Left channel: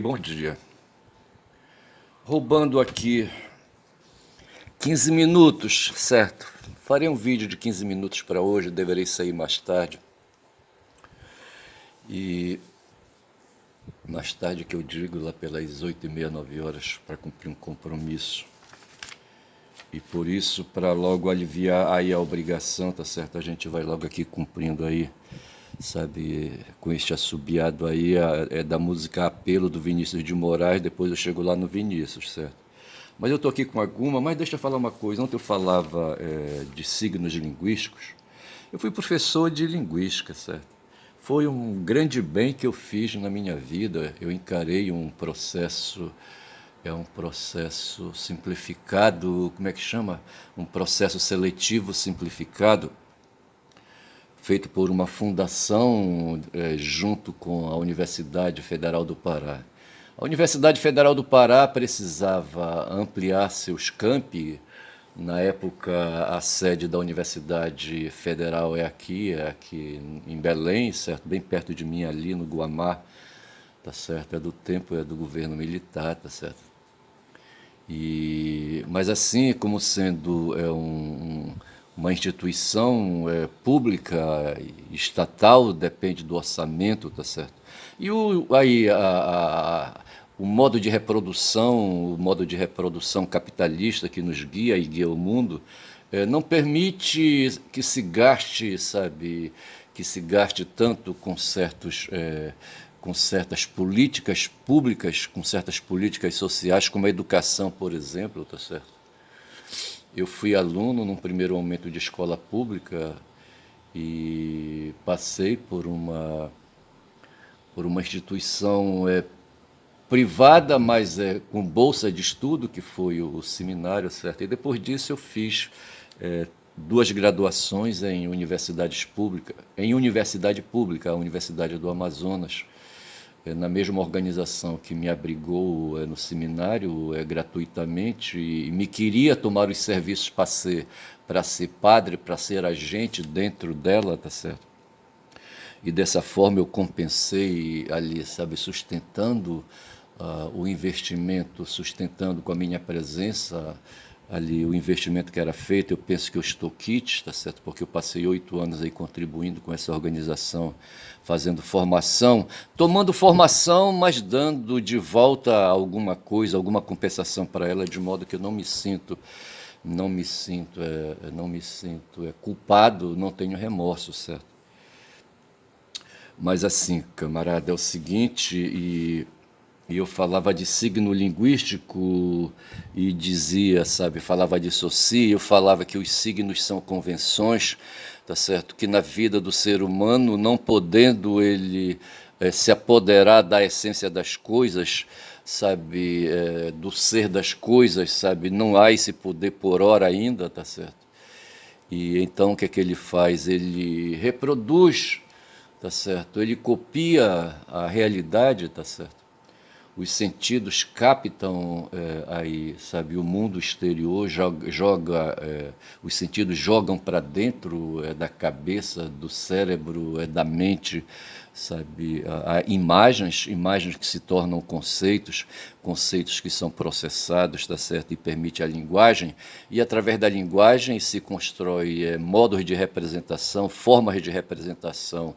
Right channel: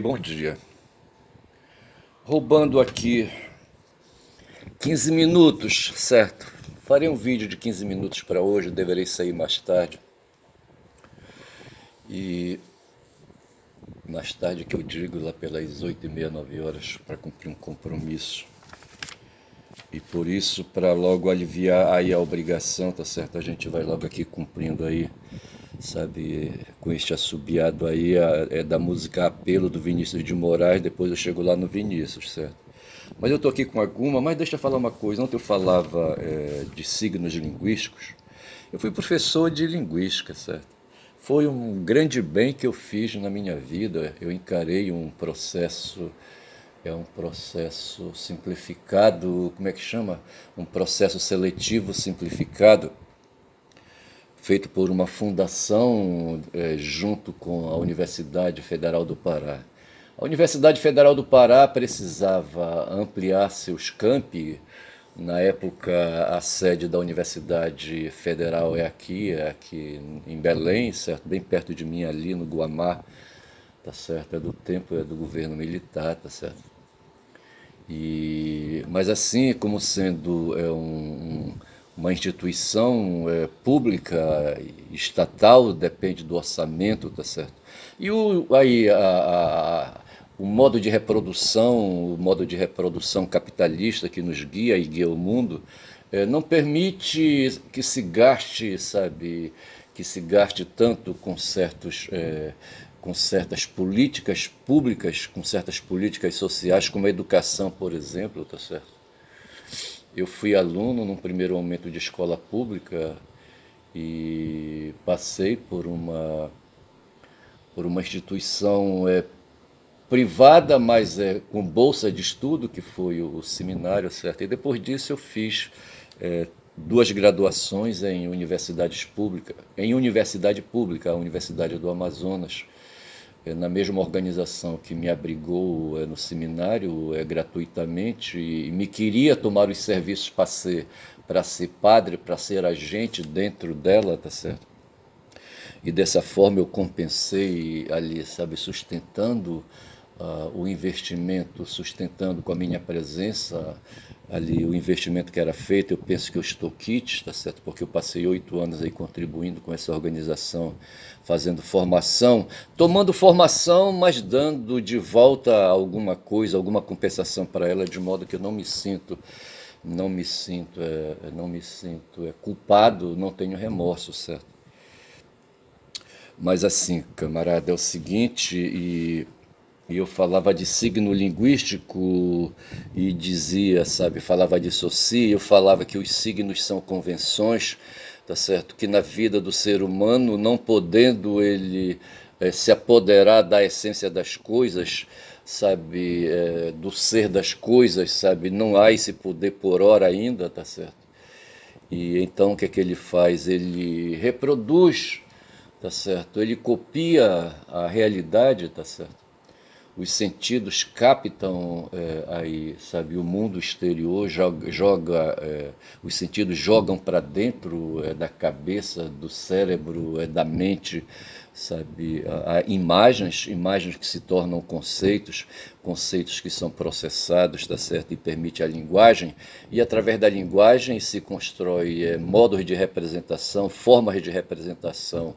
Bom dia. Roubando aqui 15 minutos, certo? Farei um vídeo de 15 minutos para hoje, deverei sair mais tarde. E mais tarde que eu digo, lá pelas 8h30, 9 horas, para cumprir um compromisso. E por isso, para logo aliviar aí a obrigação, tá certo? A gente vai logo aqui cumprindo aí, sabe, com este assobiado aí, é da música Apelo do Vinícius de Moraes, depois eu chego lá no Vinícius, certo? Mas eu estou aqui com alguma, mas deixa eu falar uma coisa. Ontem eu falava de signos linguísticos. Eu fui professor de linguística, certo? Foi um grande bem que eu fiz na minha vida. Eu encarei um processo simplificado, como é que chama? Um processo seletivo simplificado, feito por uma fundação junto com a Universidade Federal do Pará. A Universidade Federal do Pará precisava ampliar seus campi. Na época, a sede da Universidade Federal é aqui em Belém, certo? Bem perto de mim, ali no Guamá, tá certo? É do governo militar, tá certo? Mas assim, como sendo uma instituição pública, estatal, depende do orçamento, tá certo? E o modo de reprodução capitalista que nos guia e guia o mundo, não permite que se gaste, sabe, que se gaste tanto com certas políticas públicas, com certas políticas sociais, como a educação, por exemplo, tá certo? Eu fui aluno num primeiro momento de escola pública e passei por uma instituição privada, mas com bolsa de estudo, que foi o seminário, certo? E depois disso eu fiz duas graduações em universidade pública, a Universidade do Amazonas, na mesma organização que me abrigou no seminário gratuitamente e me queria tomar os serviços para ser padre, para ser agente dentro dela, tá certo? E dessa forma eu compensei ali, sabe, sustentando o investimento, sustentando com a minha presença ali o investimento que era feito. Eu penso que eu estou quites, tá certo? Porque eu passei 8 anos aí contribuindo com essa organização, fazendo formação, tomando formação, mas dando de volta alguma coisa, alguma compensação para ela, de modo que eu não me sinto culpado, não tenho remorso, certo? Mas assim, camarada, é o seguinte, e eu falava de signo linguístico e dizia, sabe, falava de soci, eu falava que os signos são convenções, tá certo? Que na vida do ser humano, não podendo ele se apoderar da essência das coisas, sabe, do ser das coisas, sabe, não há esse poder por hora ainda, tá certo? E então o que é que ele faz? Ele reproduz, tá certo? Ele copia a realidade, tá certo? Os sentidos captam aí, sabe, o mundo exterior, os sentidos jogam para dentro da cabeça, do cérebro, da mente, sabe, imagens que se tornam conceitos, conceitos que são processados, tá certo, e permite a linguagem, e através da linguagem se constrói modos de representação, formas de representação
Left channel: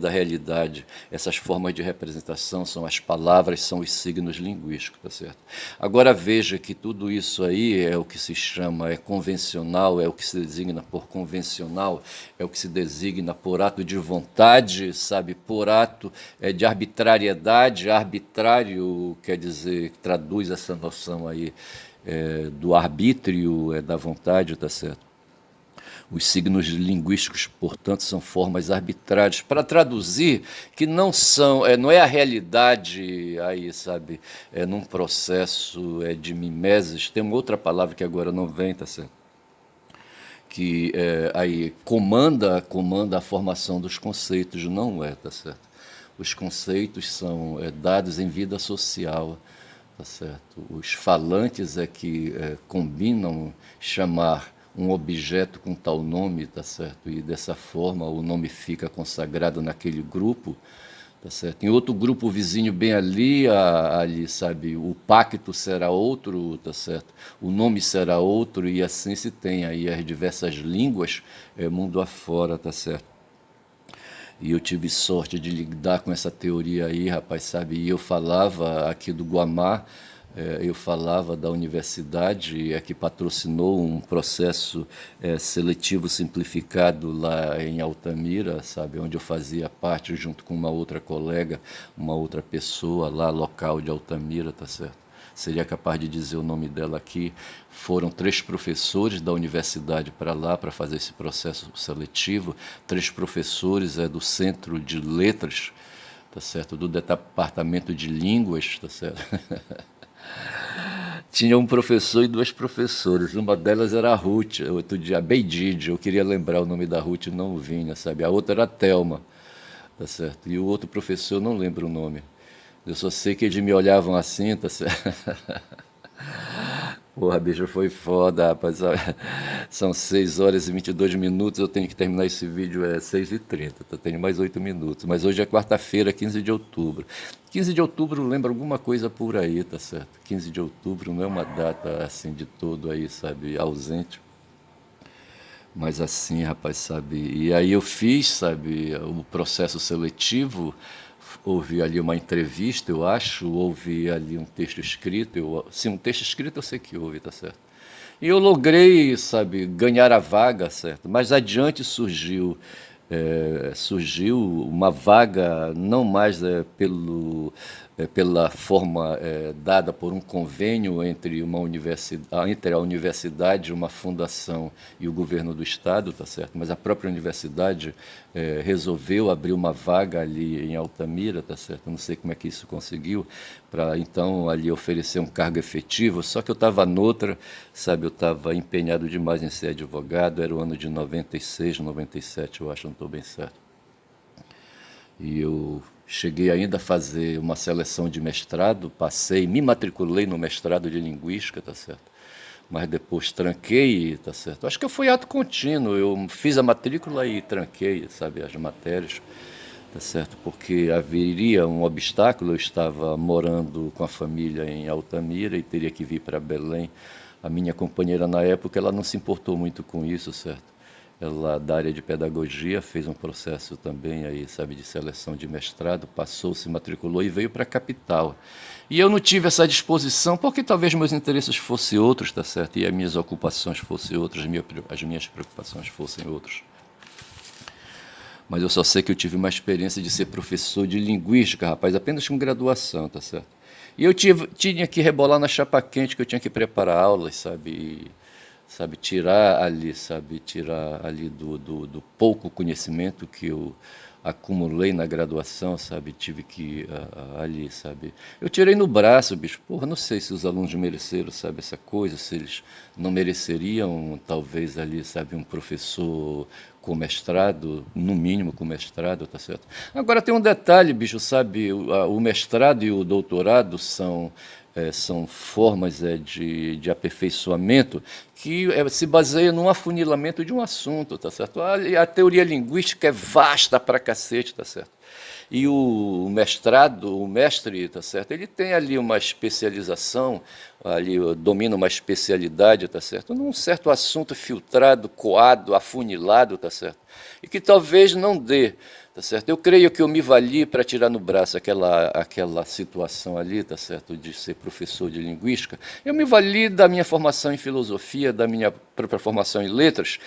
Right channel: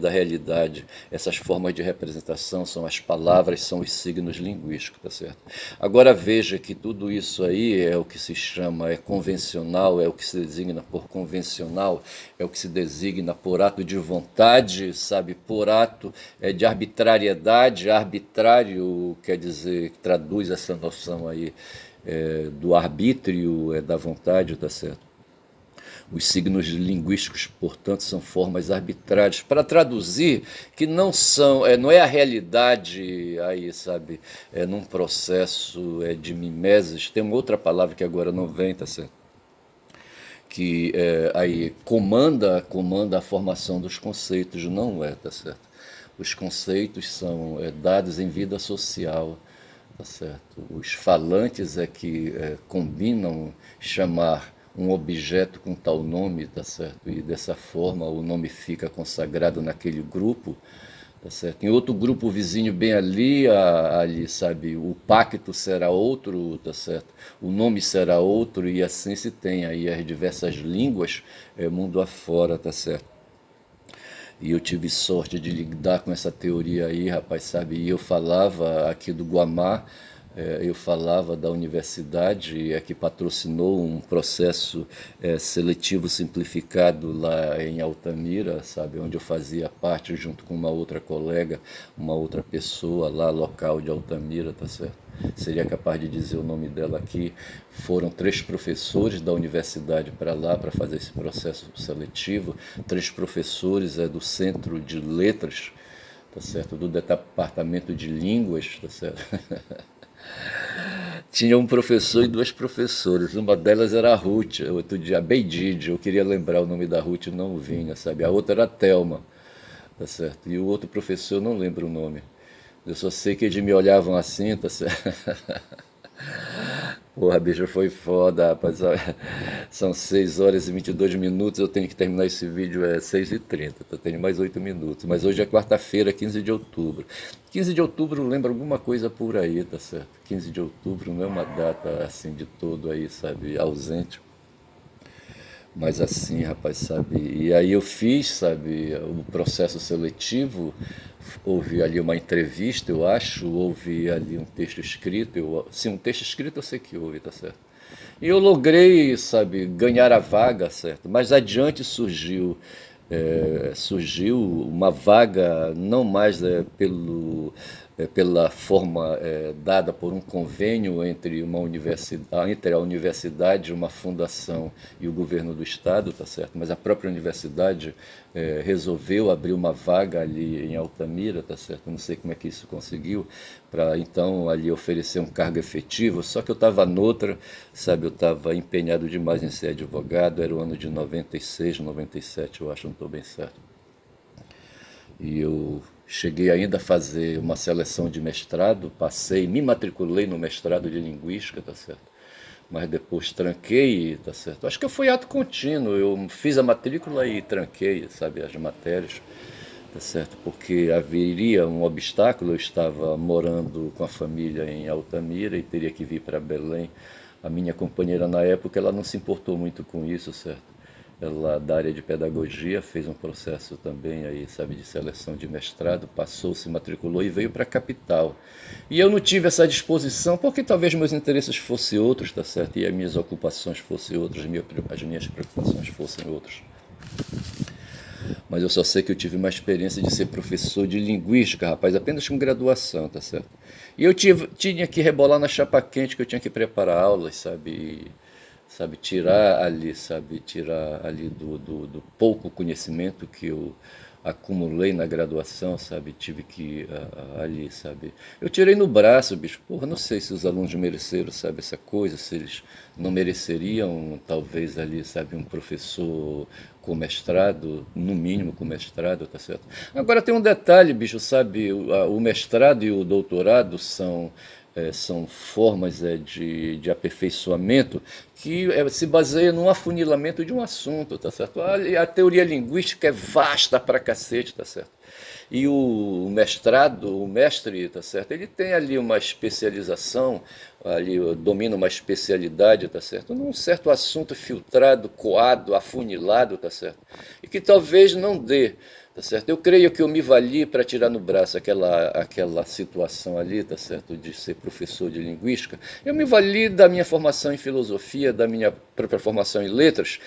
da realidade. Essas formas de representação são as palavras, são os signos linguísticos, tá certo? Agora veja que tudo isso aí é o que se chama, é convencional, é o que se designa por convencional, é o que se designa por ato de vontade, sabe, por ato de arbitrariedade. Arbitrário quer dizer, traduz essa noção aí do arbítrio, da vontade, tá certo? Os signos linguísticos, portanto, são formas arbitrárias para traduzir que não é a realidade aí, sabe, num processo de mimeses. Tem uma outra palavra que agora não vem, tá certo? Que aí comanda a formação dos conceitos, não é, tá certo? Os conceitos são dados em vida social, tá certo? Os falantes é que combinam chamar um objeto com tal nome, tá certo? E dessa forma o nome fica consagrado naquele grupo, tá certo? Em outro grupo vizinho bem ali, ali, sabe, o pacto será outro, tá certo? O nome será outro e assim se tem aí as diversas línguas, mundo afora, tá certo? E eu tive sorte de lidar com essa teoria aí, rapaz, sabe? E eu falava aqui do Guamá, eu falava da universidade que patrocinou um processo seletivo simplificado lá em Altamira, sabe? Onde eu fazia parte junto com uma outra colega, uma outra pessoa lá local de Altamira, tá certo? Seria capaz de dizer o nome dela aqui. Foram 3 professores da universidade para lá para fazer esse processo seletivo, 3 professores do Centro de Letras, tá certo? Do Departamento de Línguas, tá certo? Tinha um professor e 2 professoras. Uma delas era a Ruth, outro dia a Beidide, eu queria lembrar o nome da Ruth, não vinha, sabe? A outra era a Thelma, tá certo? E o outro professor, eu não lembro o nome. Eu só sei que eles me olhavam assim, tá certo? Porra, bicho, foi foda, rapaz. São 6 horas e 22 minutos. Eu tenho que terminar esse vídeo 6h30. Tá? Tenho mais 8 minutos. Mas hoje é quarta-feira, 15 de outubro. 15 de outubro lembra alguma coisa por aí, tá certo? 15 de outubro não é uma data assim de todo aí, sabe, ausente. Mas assim, rapaz, sabe? E aí eu fiz, sabe, o processo seletivo. Houve ali uma entrevista, eu acho, houve ali um texto escrito, sim, um texto escrito eu sei que houve, tá certo? E eu logrei, sabe, ganhar a vaga, certo? Mas adiante surgiu uma vaga não mais pela forma dada por um convênio entre uma universidade, entre a universidade, uma fundação e o governo do estado, tá certo? Mas a própria universidade resolveu abrir uma vaga ali em Altamira, tá certo? Não sei como é que isso conseguiu, para então ali oferecer um cargo efetivo, só que eu estava noutra, sabe, eu estava empenhado demais em ser advogado, era o ano de 96, 97, eu acho, não estou bem certo. E eu cheguei ainda a fazer uma seleção de mestrado, passei, me matriculei no mestrado de linguística, tá certo? Mas depois tranquei, tá certo? Acho que foi ato contínuo, eu fiz a matrícula e tranquei, sabe, as matérias, tá certo? Porque haveria um obstáculo, eu estava morando com a família em Altamira e teria que vir para Belém. A minha companheira na época, ela não se importou muito com isso, certo? Ela da área de pedagogia fez um processo também aí, sabe, de seleção de mestrado, passou, se matriculou e veio para a capital. E eu não tive essa disposição porque talvez meus interesses fossem outros, tá certo? E as minhas ocupações fossem outras, as minhas preocupações fossem outras. Mas eu só sei que eu tive uma experiência de ser professor de linguística, rapaz, apenas com graduação, tá certo? E eu tinha que rebolar na chapa quente, que eu tinha que preparar aulas, sabe? Sabe, tirar ali do pouco conhecimento que eu acumulei na graduação, sabe? Tive que ali, sabe? Eu tirei no braço, bicho. Porra, não sei se os alunos mereceram, sabe, essa coisa, se eles não mereceriam, talvez ali, sabe, um professor com mestrado, no mínimo com mestrado, tá certo? Agora tem um detalhe, bicho, sabe? O mestrado e o doutorado são formas de aperfeiçoamento que se baseia num afunilamento de um assunto, tá certo? A teoria linguística é vasta pra cacete, tá certo? E o mestrado, o mestre, tá certo? Ele tem ali uma especialização, ali domina uma especialidade, tá certo? Num certo assunto filtrado, coado, afunilado, tá certo? E que talvez não dê, tá certo? Eu creio que eu me vali para tirar no braço aquela situação ali, tá certo? De ser professor de linguística. Eu me vali da minha formação em filosofia, da minha própria formação em letras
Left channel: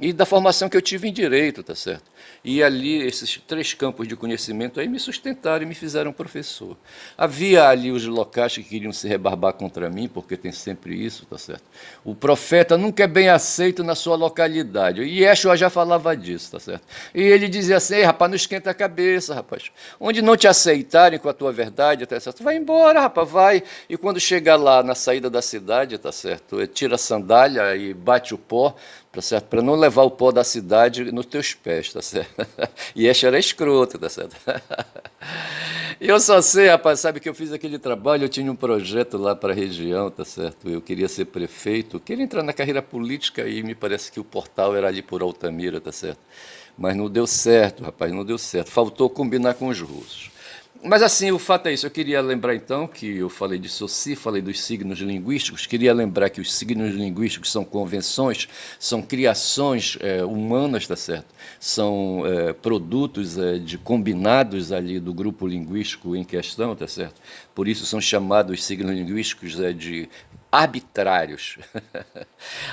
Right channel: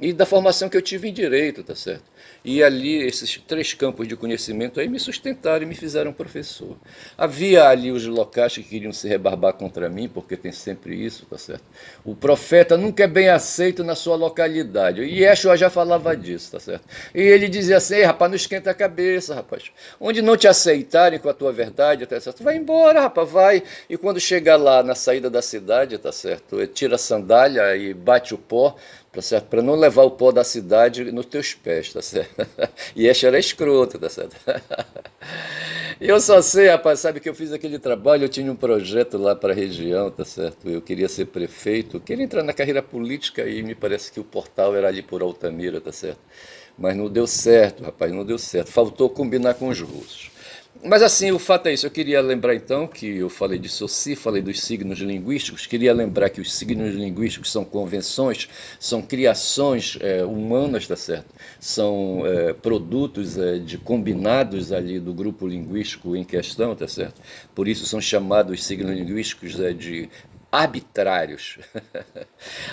e da formação que eu tive em direito, tá certo? E ali, esses 3 campos de conhecimento aí me sustentaram e me fizeram professor. Havia ali os locais que queriam se rebarbar contra mim, porque tem sempre isso, tá certo? O profeta nunca é bem aceito na sua localidade. E Yeshua já falava disso, tá certo? E ele dizia assim: ei, rapaz, não esquenta a cabeça, rapaz. Onde não te aceitarem com a tua verdade, tá certo? Vai embora, rapaz, vai. E quando chegar lá na saída da cidade, tá certo? Tira a sandália e bate o pó, tá certo? Para não levar o pó da cidade nos teus pés, tá certo? E esse era escroto, tá certo? E eu só sei, rapaz, sabe que eu fiz aquele trabalho, eu tinha um projeto lá para a região, tá certo? Eu queria ser prefeito, queria entrar na carreira política e me parece que o portal era ali por Altamira, tá certo? Mas não deu certo, rapaz, não deu certo. Faltou combinar com os russos. Mas assim, o fato é isso. Eu queria lembrar então que eu falei de Saussure, falei dos signos linguísticos. Queria lembrar que os signos linguísticos são convenções, são criações humanas, tá certo? São produtos de combinados ali do grupo linguístico em questão, tá certo? Por isso são chamados signos linguísticos de arbitrários.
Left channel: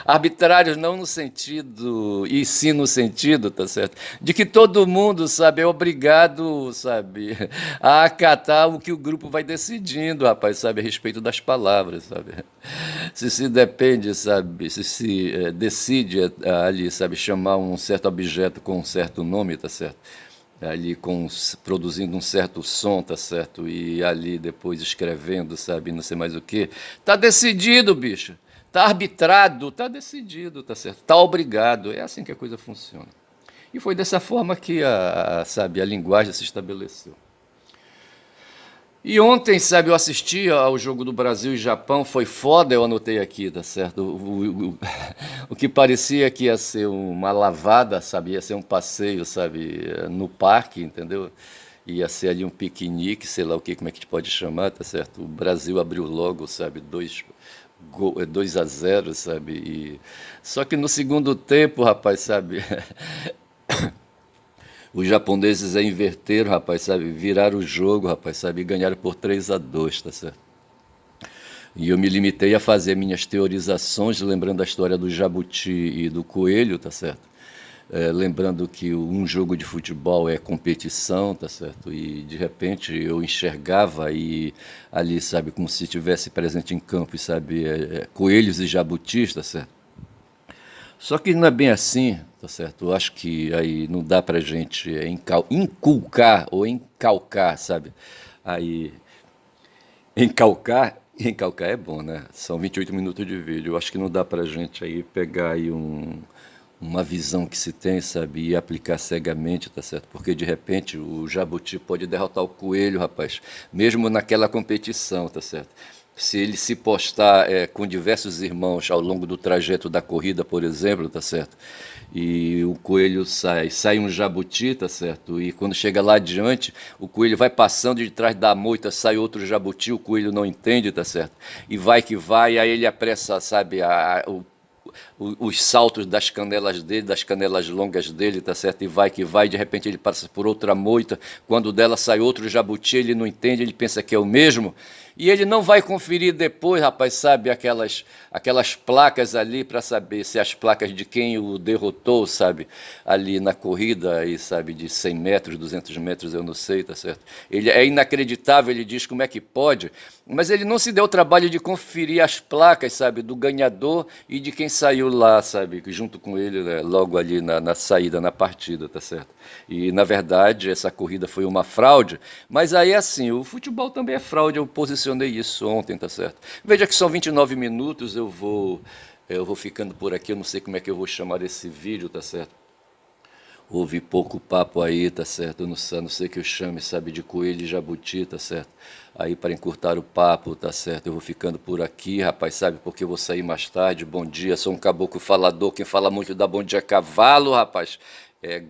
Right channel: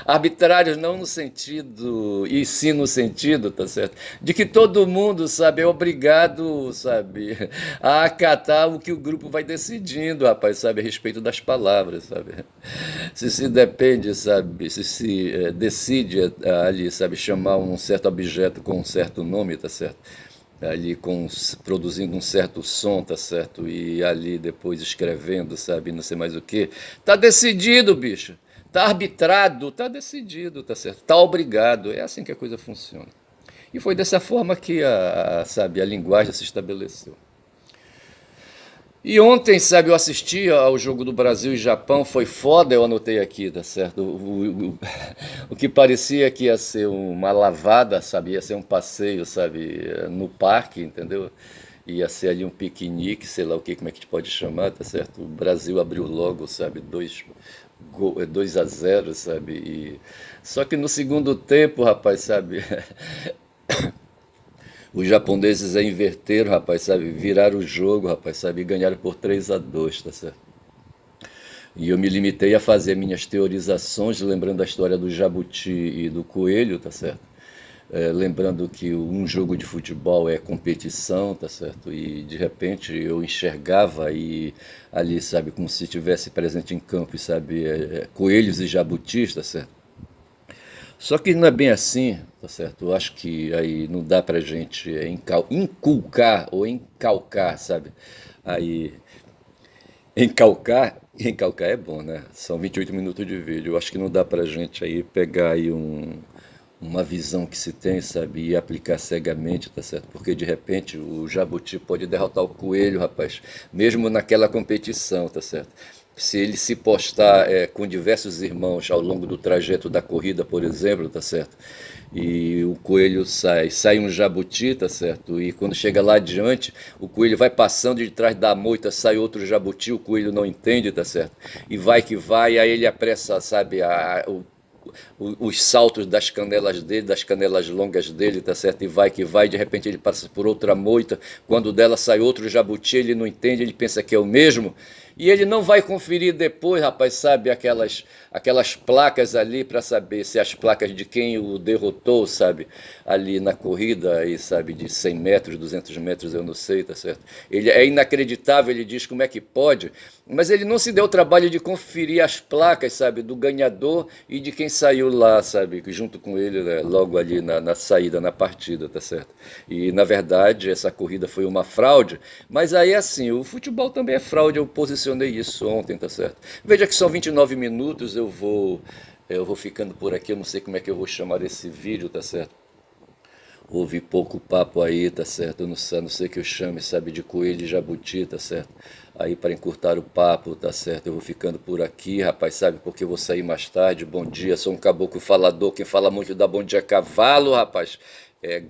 Arbitrários não no sentido, e sim no sentido, tá certo? De que todo mundo, sabe, é obrigado, sabe, a acatar o que o grupo vai decidindo, rapaz, sabe, a respeito das palavras, sabe? Se depende, sabe, se decide ali, sabe, chamar um certo objeto com um certo nome, tá certo? Ali produzindo um certo som, tá certo? E ali depois escrevendo, sabe? Não sei mais o que. Tá decidido, bicho. Tá arbitrado, tá decidido, tá certo? Tá obrigado. É assim que a coisa funciona. E foi dessa forma que sabe, a linguagem se estabeleceu. E ontem, sabe, eu assisti ao jogo do Brasil e Japão, foi foda, eu anotei aqui, tá certo? O que parecia que ia ser uma lavada, sabe? Ia ser um passeio, sabe, no parque, entendeu? Ia ser ali um piquenique, sei lá o que, como é que a gente pode chamar, tá certo? O Brasil abriu logo, sabe, 2-0, sabe? Só que no segundo tempo, rapaz, sabe? Os japoneses inverteram, rapaz, sabe? Viraram o jogo, rapaz, sabe? E ganharam por 3-2, tá certo? E eu me limitei a fazer minhas teorizações, lembrando a história do jabuti e do coelho, tá certo? Lembrando que um jogo de futebol é competição, tá certo? E de repente eu enxergava e ali, sabe, como se estivesse presente em campo, sabe, coelhos e jabutis, tá certo? Só que não é bem assim, tá certo? Eu acho que aí não dá pra gente inculcar ou encalcar, sabe? Aí, encalcar é bom, né? São 28 minutos de vídeo. Eu acho que não dá pra gente aí pegar aí uma visão que se tem, sabe? E aplicar cegamente, tá certo? Porque de repente o jabuti pode derrotar o coelho, rapaz, mesmo naquela competição, tá certo? Se ele se postar com diversos irmãos ao longo do trajeto da corrida, por exemplo, tá certo? E o coelho sai um jabuti, tá certo? E quando chega lá adiante, o coelho vai passando de trás da moita, sai outro jabuti, o coelho não entende, tá certo? E vai que vai, aí ele apressa, sabe, os saltos das canelas dele, das canelas longas dele, tá certo? E vai que vai, de repente ele passa por outra moita, quando dela sai outro jabuti, ele não entende, ele pensa que é o mesmo, e ele não vai conferir depois, rapaz, sabe, aquelas placas ali para saber se as placas de quem o derrotou, sabe, ali na corrida, aí, sabe, de 100 metros, 200 metros, eu não sei, tá certo? Ele é inacreditável, ele diz como é que pode, mas ele não se deu o trabalho de conferir as placas, sabe, do ganhador e de quem saiu lá, sabe, junto com ele, né, logo ali na saída, na partida, tá certo? E, na verdade, essa corrida foi uma fraude, mas aí, assim, o futebol também é fraude, eu posicionei isso ontem, tá certo? Veja que são 29 minutos, eu vou ficando por aqui, eu não sei como é que eu vou chamar esse vídeo, tá certo? Houve pouco papo aí, tá certo? Eu não sei que eu chame, sabe, de coelho e jabuti, tá certo? Aí para encurtar o papo, tá certo? Eu vou ficando por aqui, rapaz, sabe? Porque eu vou sair mais tarde. Bom dia, sou um caboclo falador. Quem fala muito dá bom dia a cavalo, rapaz. É.